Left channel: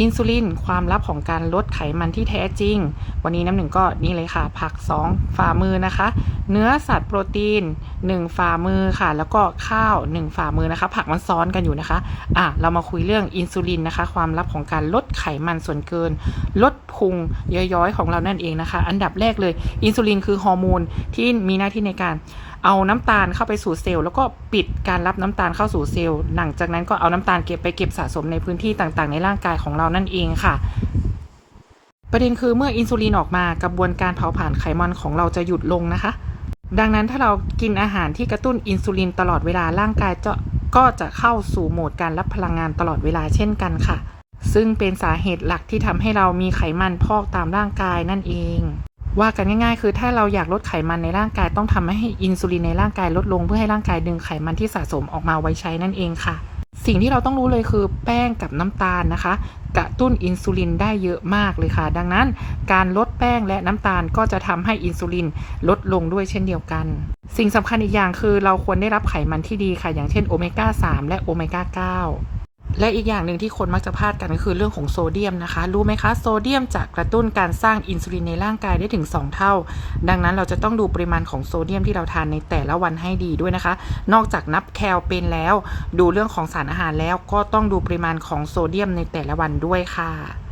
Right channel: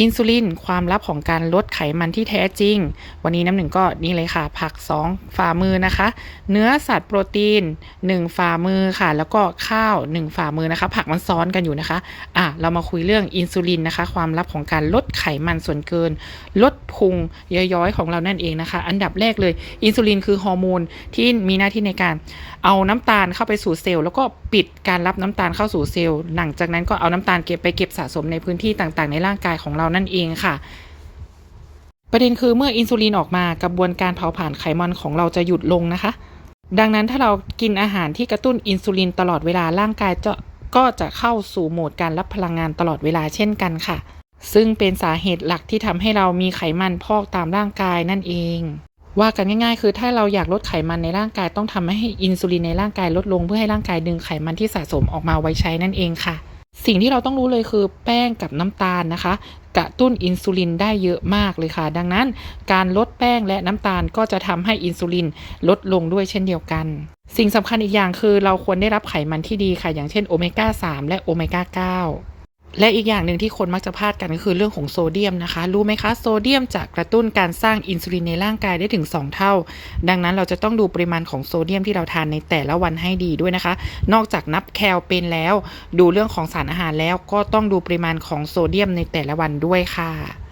อินซูลินความลับของการลดไขมันที่แท้จริง วันนี้น้ำหนึ่งก็นี่เลยค่ะ ผัก 2 ฝ่ามือนะคะ เนื้อสัตว์โปรตีน 1 ฝ่ามือค่ะ แล้วก็ข้าว 1 ฝ่ามือนะคะ ผักมันซ้อนกันอยู่นะคะอะเรามาคุยเรื่องอินซูลินนะคะ ความลับของการลดไขมันส่วนเกิน ลดพุงย้อยๆของเรานั่นเองนะคะ อันดับแรกเลยอินซูลินคือฮอร์โมนที่มีหน้าที่ในการเอาน้ำตาลเข้าไปสู่เซลล์แล้วก็ปิดการรับน้ำตาลเข้าสู่เซลล์หลังจากนั้นก็เอาน้ำตาลเก็บไปเก็บสะสมในพื้นที่ต่างๆ ในร่างกายของเราเรานั่นเองค่ะ ประเด็นคือเมื่ออินซูลินออกมากระบวนการเผาผลาญไขมันของเราจะหยุดลงนะคะ ดังนั้นถ้าเรากินอาหารที่กระตุ้นอินซูลินตลอดเวลาร่างกายจะก็จะเข้าสู่โหมดการรับพลังงานตลอดเวลาเช่นกันค่ะ ซึ่งเป็นสาเหตุหลักที่ทำให้เรามีไขมันพอกตามร่างกายนั่นเอง ว่ากันง่ายๆ คือถ้าเราอยากลดไขมันในร่างกายต้องทำให้อินซูลินในร่างกายลดลงเพื่อให้ร่างกายดึงไขมันที่สะสมออกมาไว้ใช้นั่นเองค่ะ สิ่งที่เราต้องรู้เลยคือแป้งกับน้ำตาลนะคะ กระตุ้นอินซูลินได้เยอะมากเลยค่ะ ดังนั้นการลดแป้งและน้ำตาลก็จะทำให้อินซูลินลดลงด้วยเช่นเดียวกัน สิ่งสำคัญอีกอย่างคือเราควรได้รับไขมันที่ดีค่ะ อย่างเช่นโอเมก้า3และโอเมก้า9 และอีกอย่างหนึ่งที่คนมักจะพลาดกันก็คือเรื่องของโซเดียมนะคะ รู้ไหมคะโซเดียมจะกระตุ้นการสร้างอินซูลินในร่างกายได้ถึง 2 เท่า ดังนั้นเราจะต้องดูปริมาณของโซเดียมที่เราทานในแต่ละวันให้ดีด้วยนะคะ นอกจากนับแคลเป็นแล้ว ดูเรื่องของสารอาหารแล้วก็ต้องดูปริมาณของโซเดียมในแต่ละวันด้วยค่ะ